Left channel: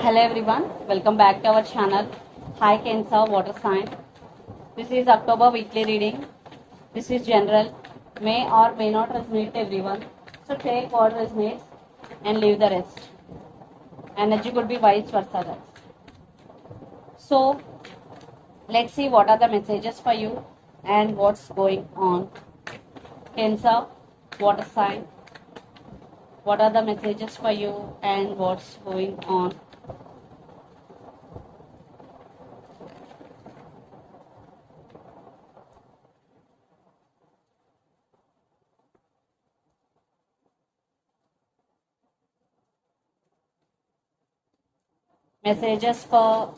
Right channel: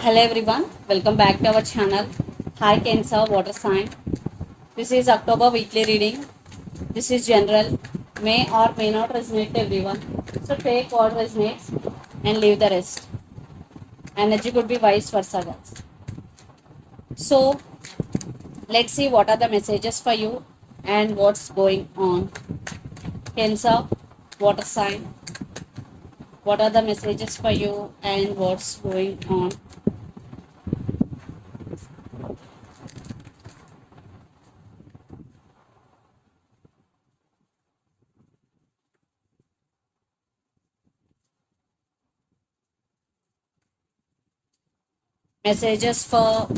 Hello everyone, welcome back to our channel. Hi Cancer Water Sign. This is October weekly reading. This is general, may or may not resonate to everyone. So take what resonates and leave the rest. Energy could be vice versa, guys. So let's see what are the messages for you and what's going on. Cancer Water Sign. What are the messages for you and what's going on? Messages for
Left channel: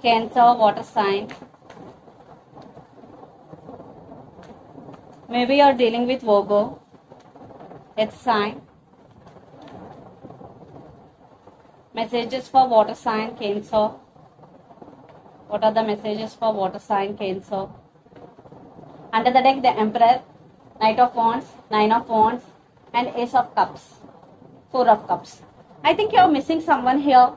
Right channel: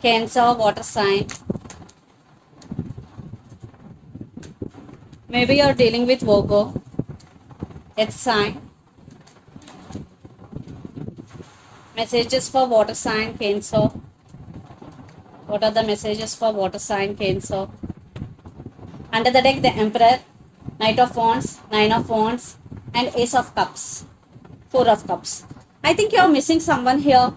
Cancer Water Sign. Maybe you're dealing with Virgo. It's sign. Messages for water sign Cancer. What are the messages for water sign Cancer? Under the deck, the Emperor, Knight of Wands, Nine of Wands, and Ace of Cups, Four of Cups. I think you're missing someone here,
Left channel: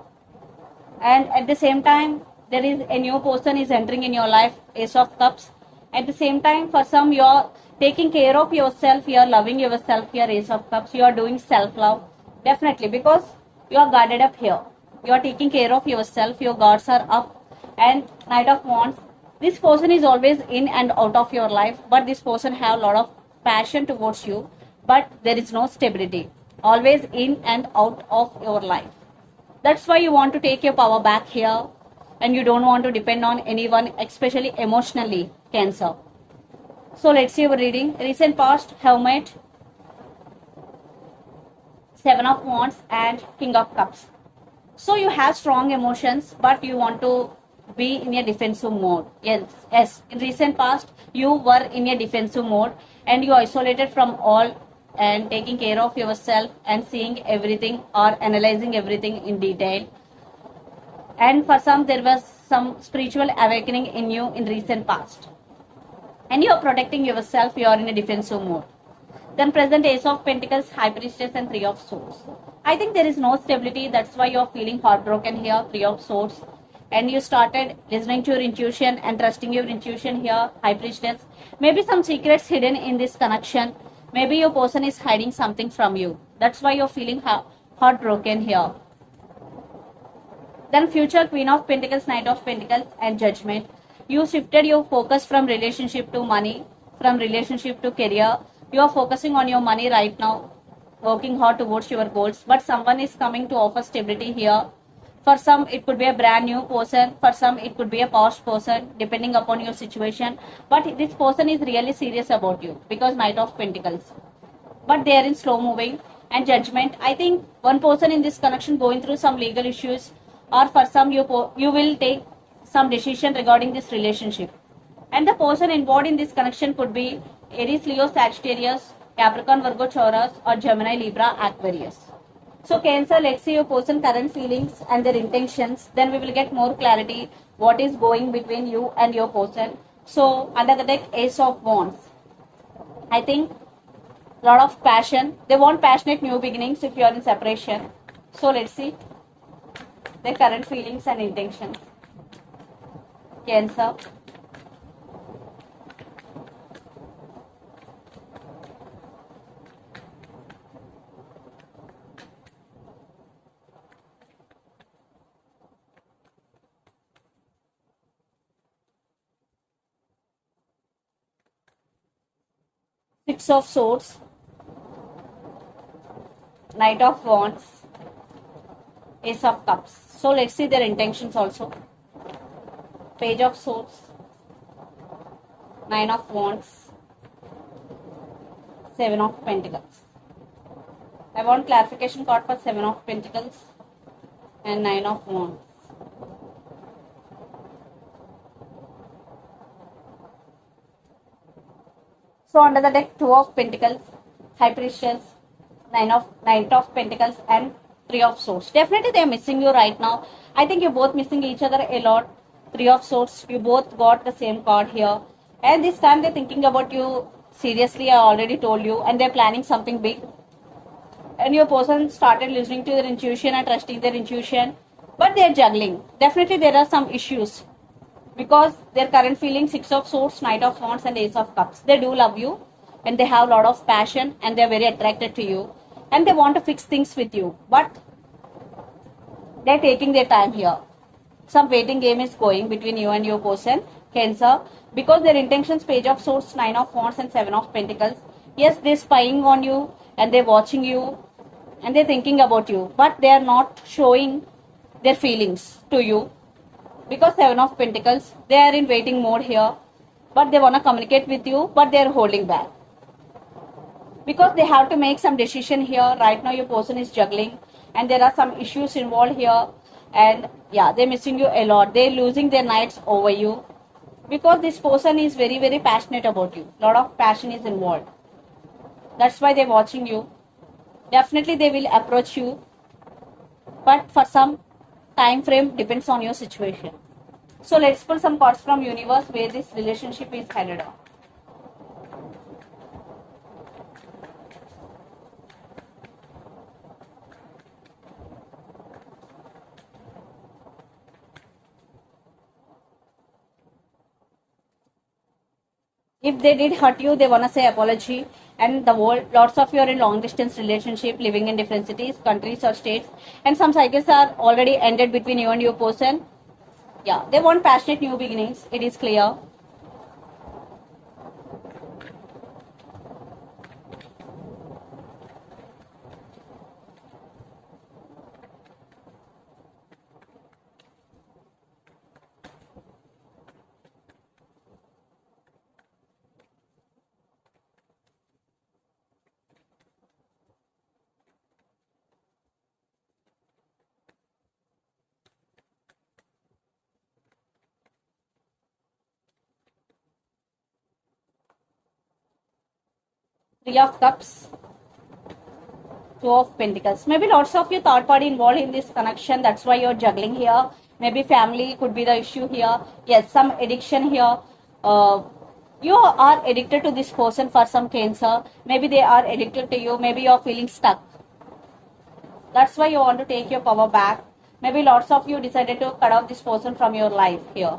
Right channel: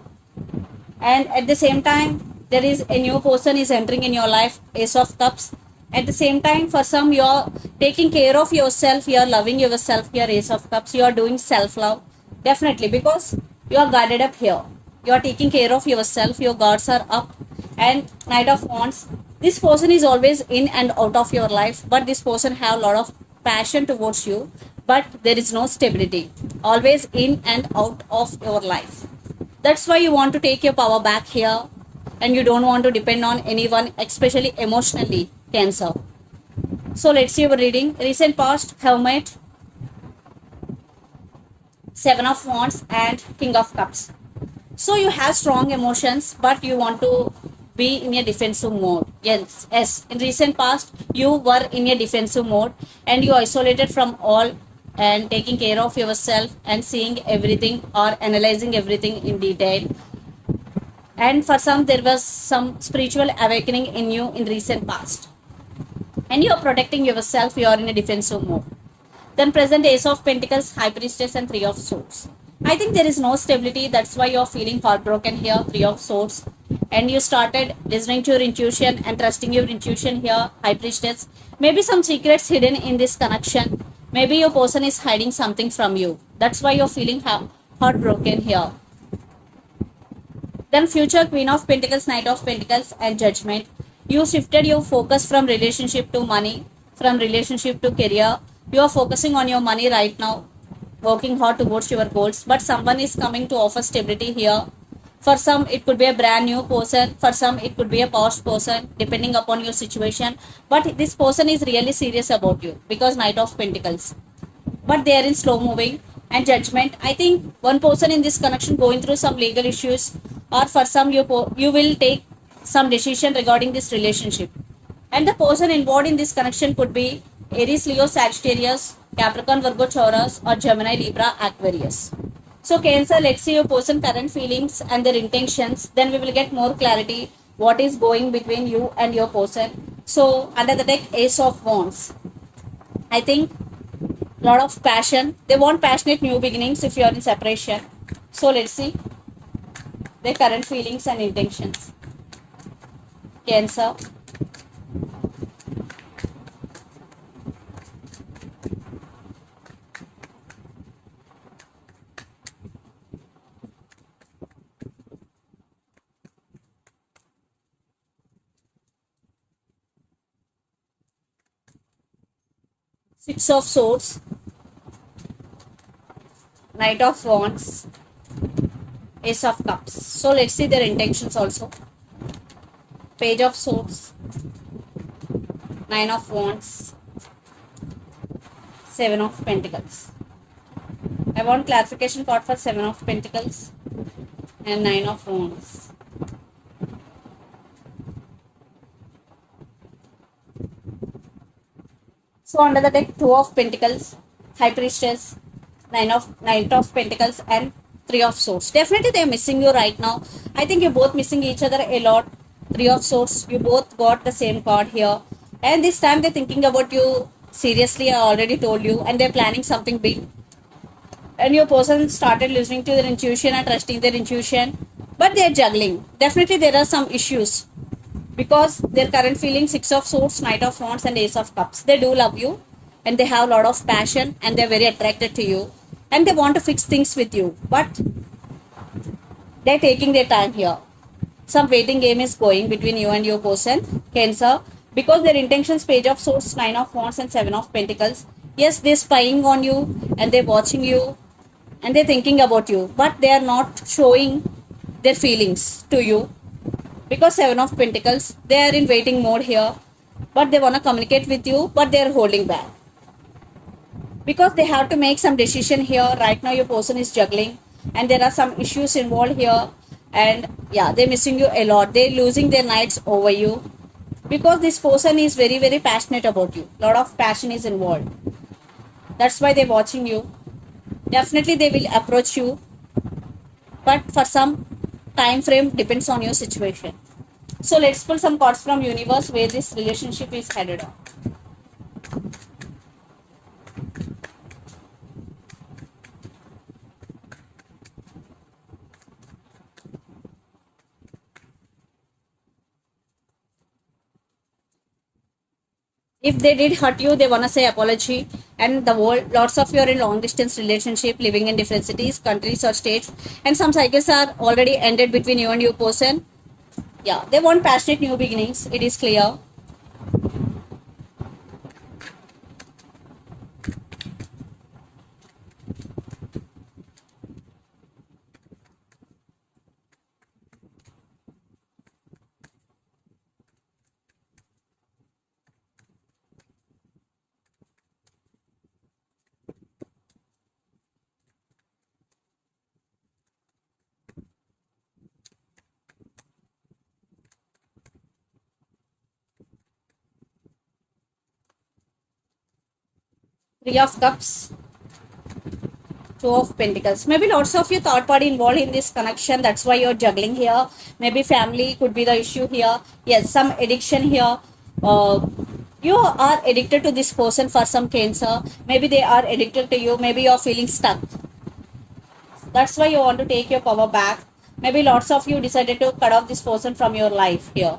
and at the same time, there is a new person is entering in your life, Ace of Cups. At the same time, for some, you're taking care of yourself, you're loving yourself, you're Ace of Cups, you're doing self-love. Definitely, because you're guarded up here. You're taking care of yourself, your guards are up. And Knight of Wands, this person is always in and out of your life, but this person have a lot of passion towards you, but there is no stability. Always in and out of your life. That's why you want to take your power back here and you don't want to depend on anyone, especially emotionally, Cancer. So let's see your reading. Recent past, Hermit, Seven of Wands, and King of Cups. So you have strong emotions, but you want to be in a defensive mode. Yes. In recent past, you were in a defensive mode and you isolated from all and taking care of yourself and seeing everything or analyzing everything in detail. And for some, there was some spiritual awakening in you in recent past. And you are protecting yourself, you are in a defensive mode. Then present Ace of Pentacles, High Priestess, and Three of Swords. I think there is no stability. That's why you're feeling heartbroken here, Three of Swords. And you started listening to your intuition and trusting your intuition here, High Priestess. Maybe some secrets hidden in this connection. Maybe your person is hiding something from you. That's why you're feeling heartbroken here. Then future Queen of Pentacles, Knight of Pentacles, and Judgment. You shifted your focus from relationship to money, from relationship to career. You are focusing on your money right now, working hard towards your goals, but someone is coming to offer stability here. For some, it could be a brand new person. For some, it could be a past person, depending upon your situation. But this person is really serious about you because Knight of Pentacles. But they are in slow moving. And Judgment, I think one person in this connection going through some legal issues, or for some, you will take some decision regarding this relationship. And the person involved in this connection could be Aries, Leo, Sagittarius, Capricorn, Virgo, Taurus, or Gemini, Libra, Aquarius. So Cancer, let's see your person current feelings and their intentions. Then we will get more clarity what is going between you and your person. So under the deck, Ace of Wands. I think a lot of passion. They want passionate new beginnings if you are in separation. So let's see their current feelings and intentions. Cancer. Six of Swords, Knight of Wands, Ace of Cups. So let's see their intentions also. Page of Swords, Nine of Wands, Seven of Pentacles. I want clarification card for Seven of Pentacles and Nine of Wands. So under the deck, Two of Pentacles, High Priestess, Nine of Pentacles, and Three of Swords. Definitely they are missing you right now. I think you're both missing each other a lot. Three of Swords, you both got the same card here. And this time they're thinking about you seriously, I already told you, and they're planning something big. and your person started listening to their intuition and trusting their intuition, but they're juggling. Definitely there are some issues because their current feeling, Six of Swords, Knight of Wands and Ace of Cups. They do love you and they have a lot of passion and they're very attracted to you and they want to fix things with you, but they're taking their time here. Some waiting game is going between you and your person, Cancer, because their intentions, Page of Swords, Nine of Wands and Seven of Pentacles. Yes, they're spying on you and they're watching you and they're thinking about you, but they are not showing their feelings to you because Seven of Pentacles, they are in waiting mode here, but they want to communicate with you, but they are holding back because they have to make some decision here. Right now your person is juggling and there are some issues involved here, and yeah, they're missing you a lot. They're losing their nights over you because this person is very very passionate about you. Lot of passion is involved. That's why they're watching you. Definitely they will approach you, but for some time frame depends on your situation. So let's pull some cards from universe where this relationship is headed on. If they did hurt you, they want to say apology. And the world, lots of you are in long distance relationship, living in different cities, countries or states, and some cycles are already ended between you and your person. Yeah, they want passionate new beginnings, it is clear. Three of Cups, Two of Pentacles. Maybe lots of you third party involved in this connection. That's why you're juggling here. Maybe family could be the issue here. Yes, some addiction here. You are addicted to this person for some Cancer. Maybe they are addicted to you. Maybe you're feeling stuck. That's why you want to take your power back. Maybe lots of you decided to cut off this person from your life here.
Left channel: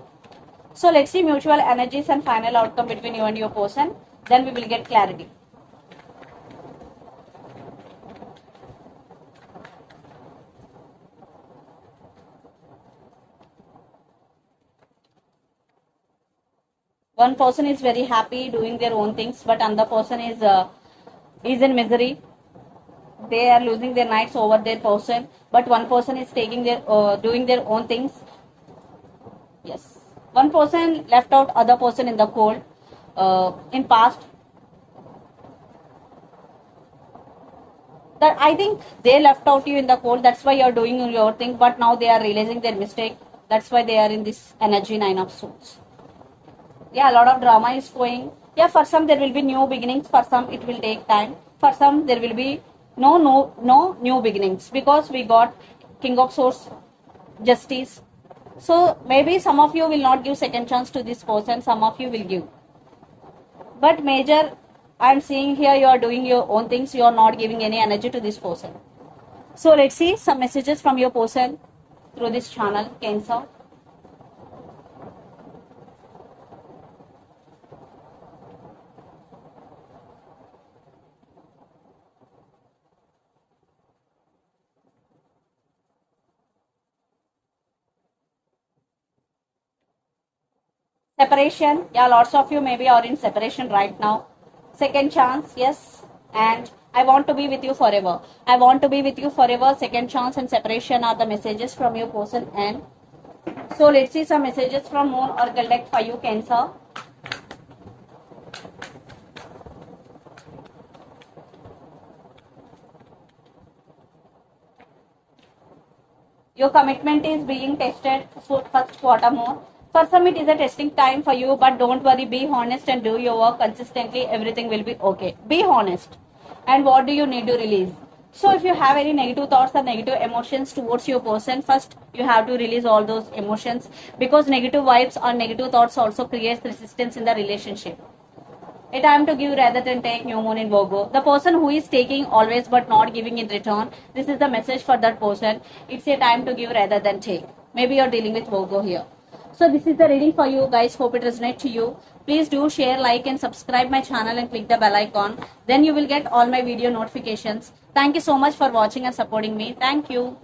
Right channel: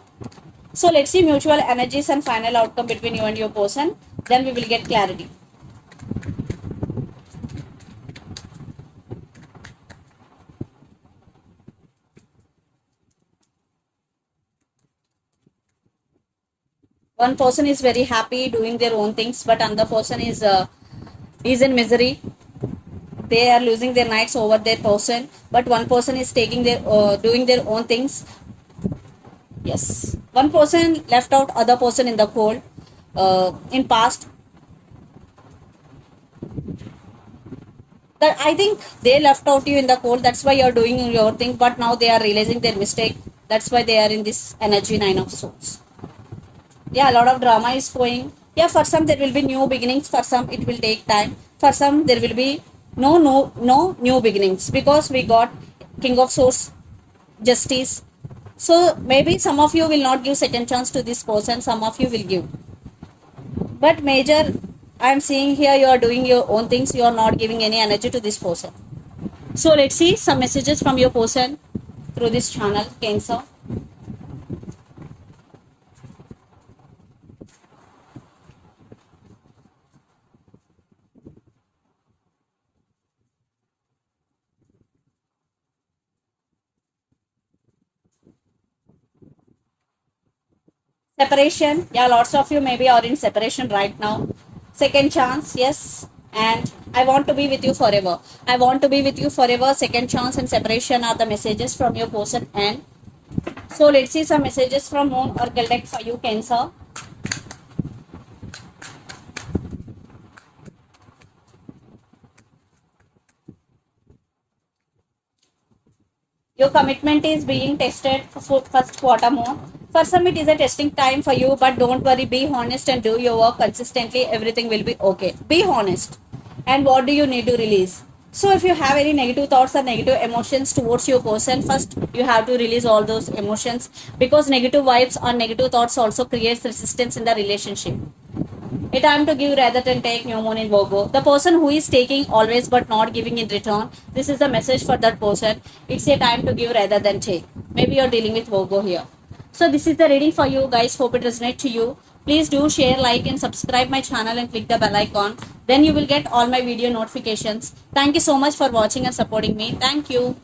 So let's see mutual energies and final outcome between you and your person. Then we will get clarity. One person is very happy doing their own things, but another person is in misery. They are losing their nights over their person, but one person is taking their doing their own things. Yes, one person left out other person in the cold in past. That I think they left out you in the cold. That's why you're doing your thing, but now they are realizing their mistake. That's why they are in this energy, Nine of Swords. Yeah, a lot of drama is going. Yeah, for some there will be new beginnings, for some it will take time, for some there will be no new beginnings because we got King of Swords, Justice. So maybe some of you will not give second chance to this person, some of you will give, but major, I'm seeing here you are doing your own things, you are not giving any energy to this person. So let's see some messages from your person through this channel, Cancer. Separation, yeah, lots of you maybe are in separation right now. Second chance, yes, and I want to be with you forever. I want to be with you forever. Second chance and separation are the messages from your person. And so let's see some messages from Moon Oracle deck for you, Cancer. Your commitment is being tested for first quarter more. For some, it is a testing time for you, but don't worry, be honest and do your work consistently. Everything will be okay. Be honest. And what do you need to release? So, if you have any negative thoughts or negative emotions towards your person, first you have to release all those emotions because negative vibes or negative thoughts also creates resistance in the relationship. A time to give rather than take, new moon in Virgo. The person who is taking always but not giving in return, this is the message for that person. It's a time to give rather than take. Maybe you're dealing with Virgo here. So this is the reading for you guys. Hope it resonates to you. Please do share, like and subscribe my channel and click the bell icon. Then you will get all my video notifications. Thank you so much for watching and supporting me. Thank you.